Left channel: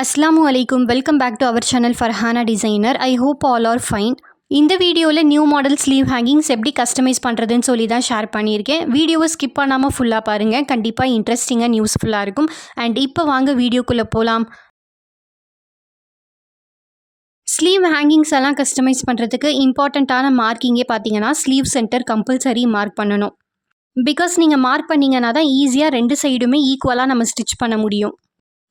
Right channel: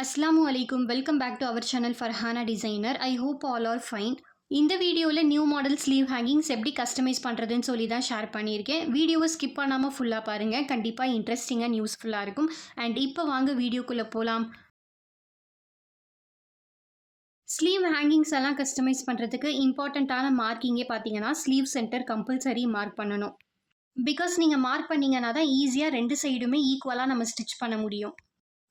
அஸ்ஸலாமு அலைக்கும். Welcome back to our channel Farhana designer. I hope all are fine. இந்த வீடியோவில் நியூ மாடல் ஸ்லீவ் ஹேங்கிங்ஸ் எப்படி கஸ்டமைஸ் பண்ணுறதுன்னு சொல்லி தான் ஷேர் பண்ணியிருக்கேன். வீடியோவை ஸ்கிப் பண்ணாமல் ஃபுல்லாக பாருங்கள். கண்டிப்பாக இன்ட்ரெஸ்டிங்காக யூஸ்ஃபுல்லாக இருக்கும். அண்ட் இப்போ வாங்க வீடியோக்குள்ளே போகலாம். ஸ்லீவ் ஹேங்கிங்ஸ் எல்லாம் கஸ்டமைஸ் பண்ணுறதுக்கு இம்பார்ட்டண்ட்டான மார்க்கிங்கே பார்த்தீங்கன்னா ஸ்லீவ் சென்டர் கம்பல்சரி மார்க் பண்ணணும். பிகாஸ் நீங்கள் மார்க் பண்ணிங்கன்னா தான் ஈஸியாக ரெண்டு சைடுமே ஈக்குவலாக நம்ம ஸ்டிச் பண்ண முடியும்.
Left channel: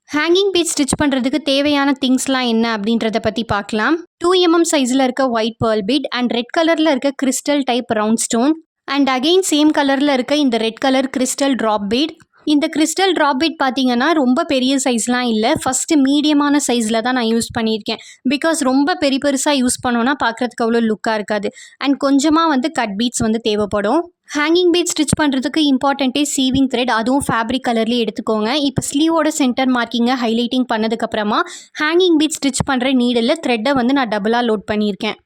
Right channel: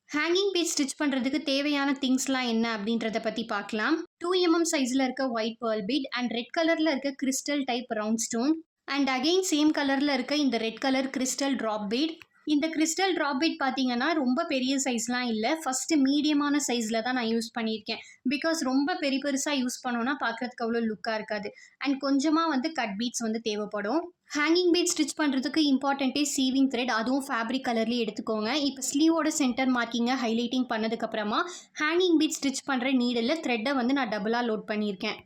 ஹேங்கிங் பீட் ஸ்டிச் பண்ணுறதுக்கு தேவையான திங்ஸ்லாம் என்ன அப்படின்றத பற்றி பார்க்கலாம். 2mm சைஸில் இருக்க white pearl bead and red கலரில் இருக்க crystal type round stone and again same கலரில் இருக்க இந்த red colour crystal drop bead. இந்த கிறிஸ்டல் ட்ராப் பீட் பார்த்தீங்கன்னா ரொம்ப பெரிய சைஸ்லாம் இல்லை, ஃபஸ்ட்டு மீடியமான சைஸில் தான் நான் யூஸ் பண்ணியிருக்கேன். பிகாஸ் ரொம்ப பெருசாக யூஸ் பண்ணோன்னா பார்க்குறதுக்கு அவ்வளோ லுக்காக இருக்காது. அண்ட் கொஞ்சமாக கட் பீட்ஸ் தேவைப்படும். ஹேங்கிங் பீட் ஸ்டிச் பண்ணுறதுக்கு இம்பார்ட்டண்ட்டே சீவிங் த்ரெட், அதுவும் ஃபேப்ரிக் கலர்லேயே எடுத்துக்கோங்க. இப்போ ஸ்லீவோட சென்டர் மார்க்கிங்கை ஹைலைட்டிங் பண்ணதுக்கப்புறமா ஹேங்கிங் பீட் ஸ்டிச் பண்ணுற நீடில் த்ரெட்டை நான் டபுளாக லோட் பண்ணியிருக்கேன்.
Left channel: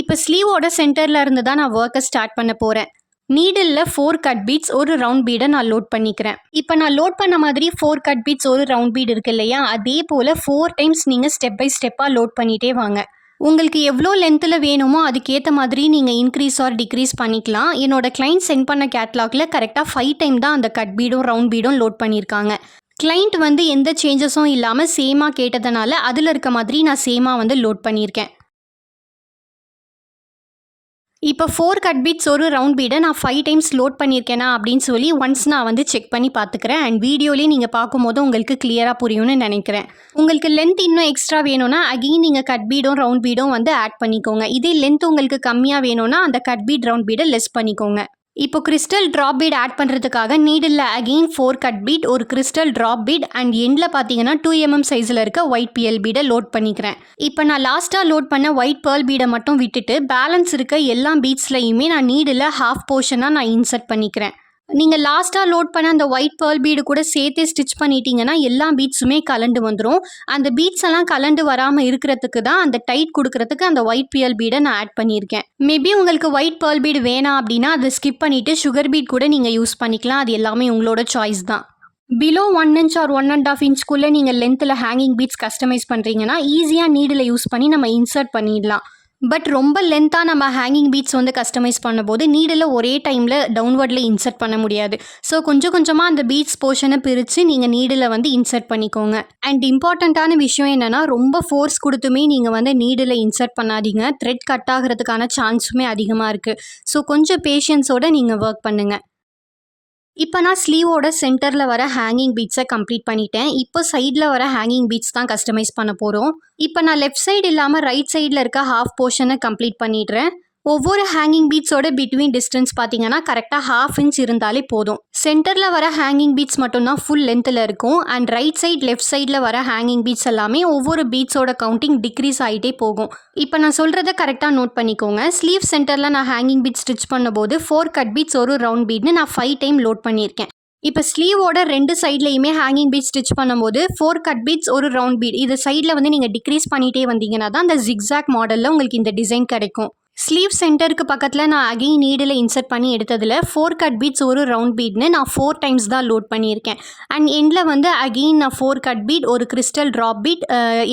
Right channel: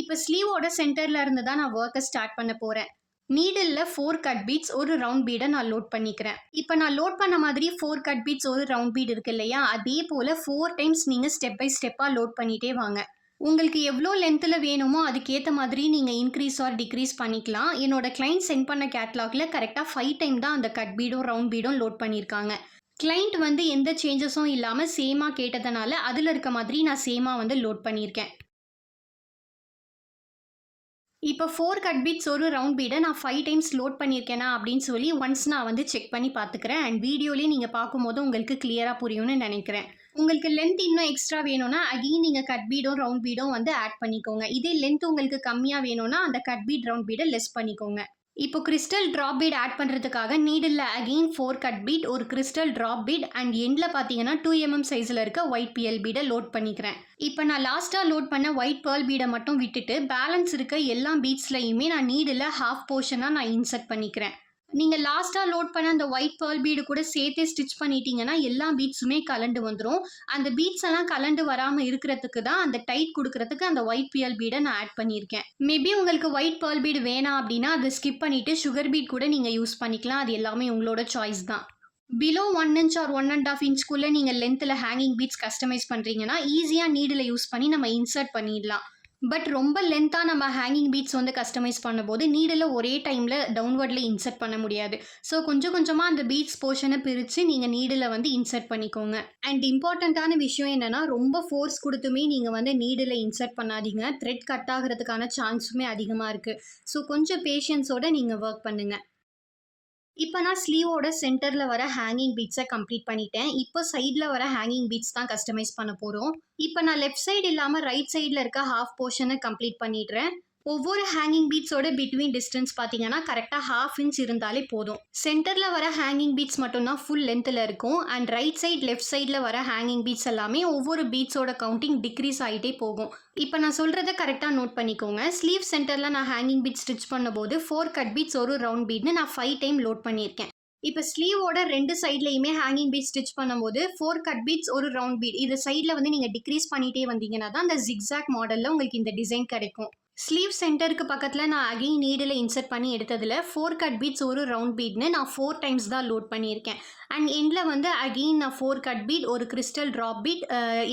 இப்போ ஸ்லீவோட சென்டரில் இருந்து தான் நான் ஒர்க்கை ஸ்டார்ட் பண்ண போகிறேன். நீடில் 4 கட் பீட்ஸ் ஒரு ரவுண்ட் பீடை நான் லோட் பண்ணிக்கிறேன். இப்போ நான் லோட் பண்ண மாதிரி 4 கட் பீட்ஸ் ஒரு ரவுண்ட் பீட் இருக்கு இல்லையா, அதே போல் 4 டைம்ஸ் நீங்கள் ஸ்டெப் பை ஸ்டெப்பாக லோட் பண்ணிகிட்டே வாங்க. உங்களுக்கு எவ்வளோ லென்த்தில் வேணுமோ அதுக்கேற்ற மாதிரி நீங்கள் இன்க்ரீஸ் ஆர் டிக்ரீஸ் பண்ணிக்கலாம். என்னோட கிளைண்ட் சென்ட் பண்ண கேட்லாகில் கரெக்டாக 5 டைம் தான் அந்த கட் பீடும் ரவுண்ட் பீடும் லோட் பண்ணியிருக்காங்க. கிளைண்ட் எந்த சேஞ்சஸும் இல்லாமல் சேமாக கேட்டதுனால அதில் இருக்க மாதிரி நான் சேமாக லோட் பண்ணியிருக்கேன். இப்போ 4 கட் பீட்ஸ் ஒரு ரவுண்ட் பீடை நான் 5 டைம்ஸ் லோட் பண்ணியிருக்கேனா அப்படின்னு சொல்லி ஒன்ஸ் நான் செக் பண்ணி பார்த்துக்கிறேன். அண்ட் வீடியோலேயே நீங்கள் பார்க்கும்போது உங்களுக்கு கிளியராக புரியும்னு நினைக்கிறேன். உங்களுக்கு லென்த் இன்னும் எக்ஸ்ட்ரா வேணும்னா அகெயின் நீங்கள் கட் பீடும் ரவுண்ட் பீடும் ஆட் பண்ணிக்கோங்க. இதே லென்த் உங்களுக்கு கம்மியாக வேணும்னா அந்த கட் பீட் ரவுண்ட் பீடை லெஸ் பண்ணிக்கோங்க. இப்போ கிறிஸ்டல் ட்ராப் பீட் ஆட் பண்ணுறதுக்காக நீடில் அகெயின் 4 கட் பீட் ஒரு கிறிஸ்டல் ட்ராப் பீட் அண்ட் எண்டில் பார்த்தீங்கன்னா 2mm சைஸில் இருக்க ஒயிட் பிஎல் பீடை லோட் பண்ணிக்கிறேன். இப்போ நான் லாஸ்ட்டாக லோட் பண்ண ஒயிட் பேர்ல் பீடை மட்டும் விட்டுட்டு பேலன்ஸ் இருக்க எல்லா பீட்ஸ்லையுமே நான் நீடில் ஹாஃப் போர்ஷனாக நான் இன்சர்ட் பண்ணிக்கிறேன். நீங்கள் லாஸ்ட்டாக லோட் பண்ண அந்த ஒயிட் பேர்ல் பீடு கூட சேர்த்து ஸ்டிச் பண்ணிட்டீங்கன்னா எல்லா பீட்ஸுமே கலண்டு வந்துடும். அந்த பீட்ஸ் எல்லாம் கலண்டு வராமல் இருக்கிறதுக்கு தான் அந்த டைட் கொடுக்கறதுக்கு அந்த ஒயிட் பிஎல் பீடை நான் ஆட் பண்ணியிருக்கேன். மேபி உங்களுக்கு ஒயிட் பேர்ல் பீடு வேணாம் அப்படின்னா அதை ஸ்கிப் பண்ணிவிட்டு சுகர் பீட் கூட நீங்கள் யூஸ் பண்ணிக்கலாம். அது எல்லாமே உங்களோட சாய்ஸ் தான். பிலோ 1 inch ஆர் 1.5 inchக்குள்ளே நீங்கள் லென்த்தில் ஹேங்கிங் பீட்ஸ் கஸ்டமைஸ் பண்ணுறீங்கன்னா ஈஸியாக நீடில் யூஸ் பண்ணி நம்ம இன்சர்ட் பண்ணிடலாம். பட் ரொம்ப லென்த்தாக நம்ம ஹேங்கிங் பீட்ஸ் கஸ்டமைஸ் பண்ணும்போது நீடில் ஒரே டைமில் டவுன்வர்டில் இன்சர்ட் பண்ண முடியாது. ஸோ கொஞ்சம் கொஞ்சமாக அந்த பீட்ஸ் போர்ஷனை பிரித்து நீங்கள் நீடில் இன்சர்ட் பண்ணிக்கோங்க. அண்ட் இம்பார்ட்டண்ட்டான விஷயம் என்னென்னா ரொம்ப ஃபோர்ஸ் கொடுத்துமே நீங்கள் நீடில் இன்சர்ட் பண்ணாதீங்க. த்ரெட் கட் ஆகிறதுக்கான சான்ஸுமே அதிகமாக இருக்குது. ஸோ கொஞ்சம் பேஷன்ஸோடு நீங்கள் ஒர்க் பண்ணுங்கள். இப்போ நான் ஸ்லீவோட சென்டரில் வர ஹேங்கிங் பீட்ஸை கம்ப்ளீட் பண்ணிட்டேன். இப்போ சைடில் வர ஹேங்கிங் பீட்ஸ் தான் கஸ்டமைஸ் பண்ண போகிறோம். இப்போ நான் லெஃப்ட் சைடு இல்லாமல் ரைட் சைடில் இருக்க ஹாஃப் போர்ஷனை கம்ப்ளீட் பண்ணிடுறேன். ஒவ்வொரு ஹேங்கிங் பீட்ஸோட பிட்வீன் டிஸ்டன்ஸ் பார்த்தீங்கன்னா கரெக்டாக 1/2 inch இருந்தாலே போதும். சென்டரில் வர ஹேங்கிங் பீட்ஸ் மட்டும்தான் ஃபுல் லென்த்தில் இருக்கும். அண்ட் ரைட் சைட் லெஃப்ட் சைடில் வர ஹேங்கிங் பீட்ஸ் எல்லாமே ஒவ்வொரு பீட்ஸோட கவுண்டிங் டிக்ரீஸ் ஆகிட்டே போகும். இப்போ நான் சொல்கிறத கரெக்டாக நோட் பண்ணிக்கோங்க. ஸ்லீவ் சென்டரில் நான் ஹேங்கிங் பீட் ஸ்டிச் பண்ணும்போது 4 கட் பீட்ஸ் ஒரு ரவுண்ட் பீட்னு நான் 5 டைம் லோட் பண்ணியிருக்கேன். இப்போ ஸ்லீவோட 2 சைட்லையுமே ஹேங்கிங் பீட் ஸ்டிச் பண்ணும்போது 4 கட் பீட்ஸ் ஒரு ரவுண்ட் பீட் இது சைடில் நீங்கள் டிக்ரீஸ் பண்ணிகிட்டே வந்தீங்கன்னா தான் அந்த ஜிக்ஸாக் மாடலில் உங்களுக்கு இந்த டிசைன் கிடைக்கும். ஸ்லீவ் சென்டருக்கு பக்கத்தில் நான் அகெயின் நீடில் இன்சர்ட் பண்ணி எடுத்ததில் 4 கட் பீட்ஸ் ஒரு ரவுண்ட் பீட்னு நான் 4 டைம்ஸ் தான் லோட் பண்ணியிருக்கேன். அண்ட் எண்டில் அகெயின் நான் 4 கட் பீட் ஒரு கிறிஸ்டல் ட்ராப் பீட்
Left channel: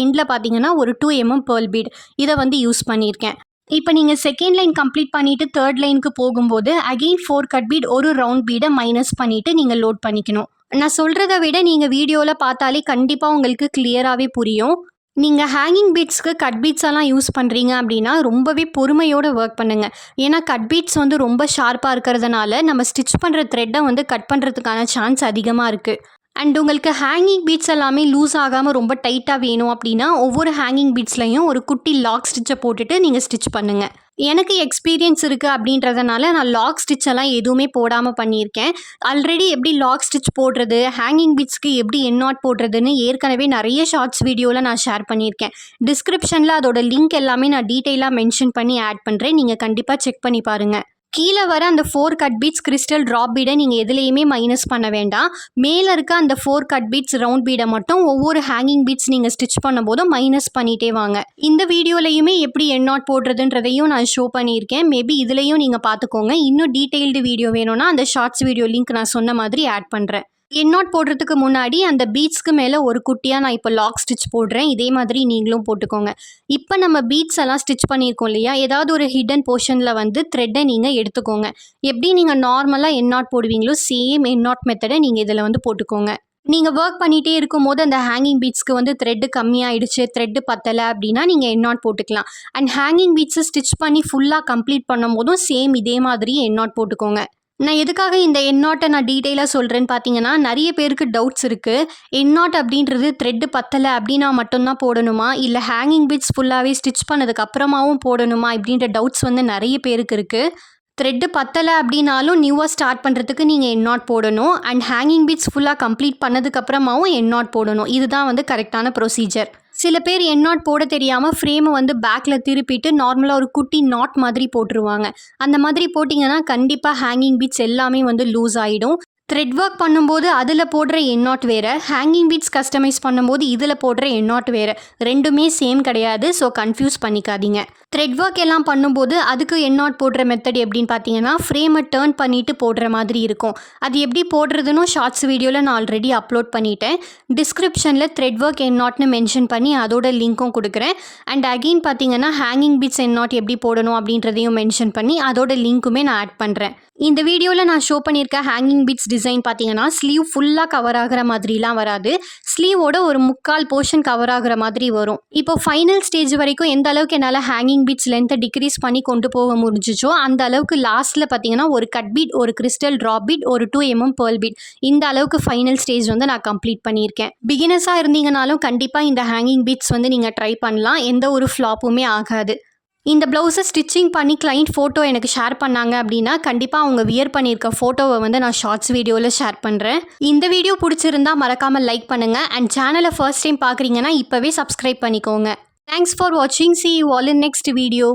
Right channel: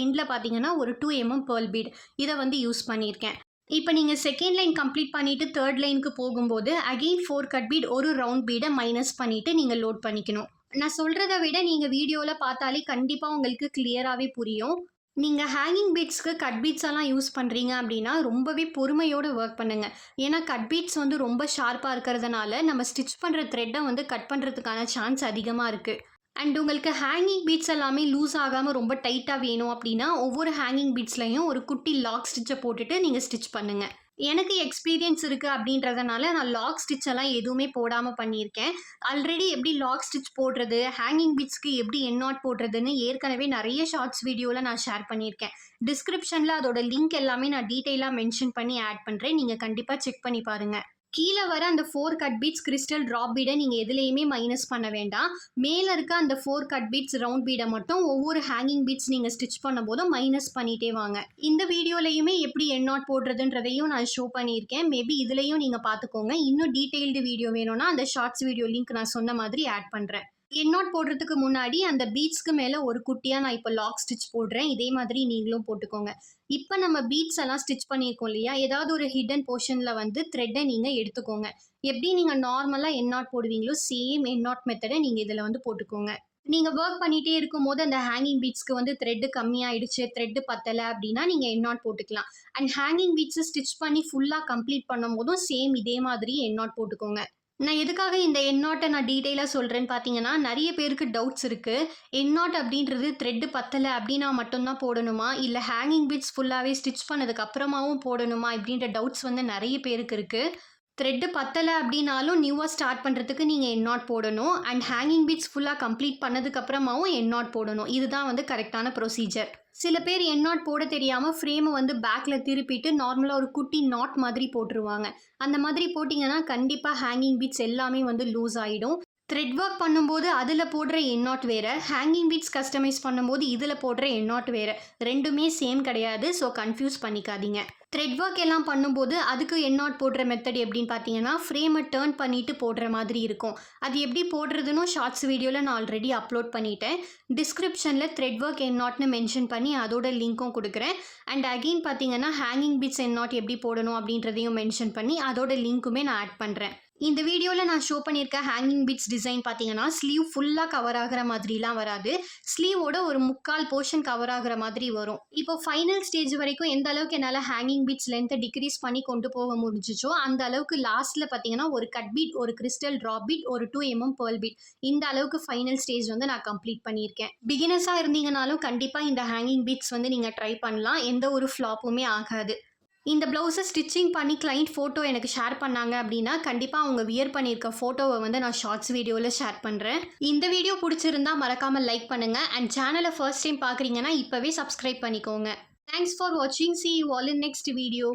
எண்டில் பார்த்தீங்கன்னா ஒரு 2mm பேர்ல் பீட் இதை யூஸ் பண்ணியிருக்கேன். இப்போ நீங்கள் செகண்ட் லைன் கம்ப்ளீட் பண்ணிவிட்டு தேர்ட் லைனுக்கு போகும்போது அகெயின் 4 கட் பீட் ஒரு ரவுண்ட் பீடை மைனஸ் பண்ணிவிட்டு நீங்கள் லோட் பண்ணிக்கணும். நான் சொல்கிறத விட நீங்கள் வீடியோவில் பார்த்தாலே கண்டிப்பாக உங்களுக்கு கிளியராகவே புரியும். நீங்கள் ஹேங்கிங் பீட்ஸ்க்கு கட் பீட்ஸ் எல்லாம் யூஸ் பண்ணுறீங்க அப்படின்னா ரொம்பவே பொறுமையோடு ஒர்க் பண்ணுங்கள். ஏன்னா கட் பீட்ஸ் ரொம்ப ஷார்ப்பாக இருக்கிறதுனால நம்ம ஸ்டிச் பண்ணுற த்ரெட்டை கட் பண்ணுறதுக்கான சான்ஸ் அதிகமாக இருக்குது. அண்ட் உங்களுக்கு ஹேங்கிங் பீட்ஸ் எல்லாமே லூஸ் ஆகாமல் ரொம்ப டைட்டாக வேணும் அப்படின்னா ஒவ்வொரு ஹேங்கிங் பீட்ஸ்லையும் ஒரு குட்டி லாக் ஸ்டிச்சை போட்டுட்டு நீங்கள் ஸ்டிச் பண்ணுங்கள். எனக்கு எக்ஸ்பீரியன்ஸ் இருக்குது அப்படின்றதுனால நான் லாக் ஸ்டிச் எல்லாம் எதுவுமே போடாமல் பண்ணியிருக்கேன். ஆல்ரெடி எப்படி லாக் ஸ்டிச் போடுறது, ஹேங்கிங் பீட்ஸ்க்கு எப்படி எண்ணாட் போடுறதுன்னு ஏற்கனவே நிறைய ஷார்ட்ஸ் வீடியோவில் நான் ஷேர் பண்ணியிருக்கேன். டிஸ்கிரிப்ஷனில் அதோட லிங்க் எல்லாமே நான் டீட்டெயிலாக மென்ஷன் பண்ணி ஆட் பண்ணுறேன். நீங்கள் கண்டிப்பாக செக் பண்ணி பாருங்கள். கீழே வர அந்த 4 கட் பீட்ஸ் கிறிஸ்டல் ட்ராப் பீடை நீங்கள் எதுலேயுமே மைனஸ் பண்ண வேண்டாம். மேலே இருக்க அந்த 4 கட் பீட்ஸ் ரவுண்ட் பீடை மட்டும் ஒவ்வொரு ஹேங்கிங் பீட்ஸ் நீங்கள் ஸ்டிச் பண்ணும்போதும் மைனஸ் பண்ணிகிட்டே வாங்க. இந்த வீடியோலையுமே எப்படி எண்ணாட் போடுறதுன்றதையும் நான் ஷோ பண்ணியிருக்கேன். மேபி இதுலேயும் நீங்கள் பார்த்துக்கோங்க. இன்னும் டீட்டெயில்டு வீடியோ வேணும்னா அந்த ஷார்ட்ஸ் வீடியோ லிங்க் நான் சொன்ன மாதிரி ஆட் பண்ணுறேன். எண்ணாட் போடுறதுக்கு முன்னாடி அந்த பீட்ஸ்க்கு மேலே ஒரு குட்டியாக நான் இப்போ லாக் ஸ்டிச் போடுறேன். இதே மாதிரி நீங்களும் போட்டுக்கோங்க. இப்போ நம்ம பீட்ஸ் எல்லாம் ஸ்டிச் பண்ணியிருக்கோம் இல்லையா, ஏதாவது ஒரு ஹிடன் போர்ஷனில் வந்து த்ரெட்டை நீங்கள் எடுத்துக்கோங்க. எப்படி நீங்கள் நார்மலாக எண்ணாட் போடுவீங்களோ சேம் எண்ணாட் மெத்தடை நீங்கள் இதில் வந்து போட்டுக்கோங்க. நீங்கள் ஒர்க் பண்ணிகிட்டே இருக்கும்போது அந்த ஹேங்கிங் பீட்ஸ்க்கு வந்து த்ரெட்டு கம்மியாயிடுச்சு, த்ரெட்டு பத்தலை அப்படின்னா நீங்கள் எண்ணாட் போட்டுக்கலாம். அண்ட் ஹேங்கிங் பீட்ஸை ஸ்டிச் பண்ணி ஃபுல்லாக கம்ப்ளீட் பண்ணும் போதும் சேம் இதே மாதிரி எண்ணாட் போட்டுக்கோங்க. நான் எதுக்காக இந்த எண்ணாட்டை நான் டீட்டெயிலாக சொல்கிறேன்னு பார்த்தீங்கன்னா, நிறைய பேருக்கு டவுட்ஸ் இருக்குது. எண்ணாட் அப்படின்றது த்ரெட்டு பத்தலை அப்படின்னா மட்டும்தான் போடணுமா, இல்லை ஹேங்கிங் பீட்ஸ் ஃபுல்லாகவே ஸ்டிச் பண்ணதுக்கு அப்புறமாவும் போடணுமா இப்படின்ற டவுட்ஸ் வந்து நிறைய பேருக்கு இருக்குது. த்ரெட்டு பத்தலை அப்படின்னாலும் நியூவாக ஸ்டார்ட் பண்ணுறதுக்கு நீங்கள் எண்ணாட் போடணும். அண்ட் ஹேங்கிங் பீட்ஸ் ஃபுல்லாக கம்ப்ளீட் பண்ணதுக்கப்புறமாவும் எண்ணாட் போடணும். இதுதான் வந்து கரெக்டான ப்ரொசீஜர். சில பேர் எண்ணாட் போட தெரியாமல் ஃப்ரேமை வந்து பேக்கில் திருப்பிட்டு நார்மலாக ஒரு குட்டி நாட் மாதிரி போட்டுருவாங்க. அந்த மாதிரி போட்டிங்கன்னா கண்டிப்பாக ஹேங்கிங் பீட்ஸ் எல்லாமே வந்து லூஸ் ஆகிடும். த்ரெட் ஒர்க் பண்ணும்போது அதில் போடுற எண்ணாட் வேறு, ஹேங்கிங் பீட்ஸ் கஸ்டமைஸ் பண்ணும்போது இதில் போடுற எண்ணாட் வேறு. ரெண்டுமே சேம் கிடையாது. ஸோ கன்ஃபியூஸ் பண்ணிக்காதீங்க. த்ரெட் ஒர்க் எல்லாம் பண்ணும்போது அதுக்கு எண்ணாட் போடுற மெத்தட் எப்படின்னு பார்த்தீங்கன்னா, ஃப்ரேமை டேர்ன் பண்ணிவிட்டு போடுற மாதிரி இருக்கும். அது எப்படி போடுறதுன்னு ஷார்ட்ஸ் வீடியோவில் நான் ஆல்ரெடி அப்லோட் பண்ணிட்டேன். டிஸ்கிரிப்ஷனில் த்ரெட் ஒர்க் எண்ணாட்னு மென்ஷன் பண்ணி அதோட லிங்க்கும் கொடுக்குறேன். அண்ட் அகெயின் பார்த்தீங்கன்னா ஹேங்கிங் பீட்ஸ் எண்ணாட் எப்படி போடணும் அப்படின்றதையும் மென்ஷன் பண்ணி அதோட லிங்க்குமே நான் ஆட் பண்ணுறேன். இந்த வீடியோவில் நான் ஷோ பண்ணியிருக்க ஹேங்கிங் பீட்ஸ் டிசைன் பார்த்தீங்கன்னா ஸ்லீவ் ஃபுல்லாக கவர் ஆகிற மாதிரிலாம் வராது. ஸ்லீவோட ஒரு முக்கால் போர்ஷன் கவர் ஆகிற மாதிரி வரும். இப்போ ஃபைனல் ஸ்டேஜ் வரைக்கும் எந்த அளவுக்கு என்னால் ஹேங்கிங் பீட்ஸ் லென்த்தை டிக்ரீஸ் பண்ணி கொண்டு போக முடிஞ்சிச்சோ அந்த அளவுக்கு லாஸ்ட்டில் பார்த்தீங்கன்னா ஒரு கட் பீட், ஒரு கிறிஸ்டல் ட்ராப் பீட், ஒரு 2 mm பேர்ல் பீட், இந்த அளவுக்கு ஃபைனல் ஸ்டேஜ் வந்து நான் கம்ப்ளீட் பண்ணியிருக்கேன். பிகினர்ஸாக இருந்தீங்கனாலும் கண்டிப்பாக இந்த ஹேங்கிங் பீட்ஸ் வந்து நீங்கள் ட்ரை பண்ணலாம். எந்த ஒரு ஃப்ளாப்புமே ஆகாது. இந்த ப்ளவுஸை ஸ்டிச்சிங் பண்ணி கிளைண்ட் ஃபோட்டோ எனக்கு ஷேர் பண்ணாங்க அப்படின்னா கண்டிப்பாக அவங்க வியர் பண்ணியிருக்க ஃபோட்டோவை வந்து நான் ஷார்ட்ஸ் வீடியோவில் ஷேர் பண்ணுறேன். இந்த வீடியோ பிடிச்சிருந்தா மறக்காமல் லைக் பண்ணுங்கள். அண்ட் சேனலை ஃபர்ஸ்ட் டைம் பார்க்குறீங்கன்னா இப்போவே சப்ஸ்கிரைப் பண்ணிக்கோங்க. தேங்க்ஸ் ஃபார் வாட்சிங். See you all in next video.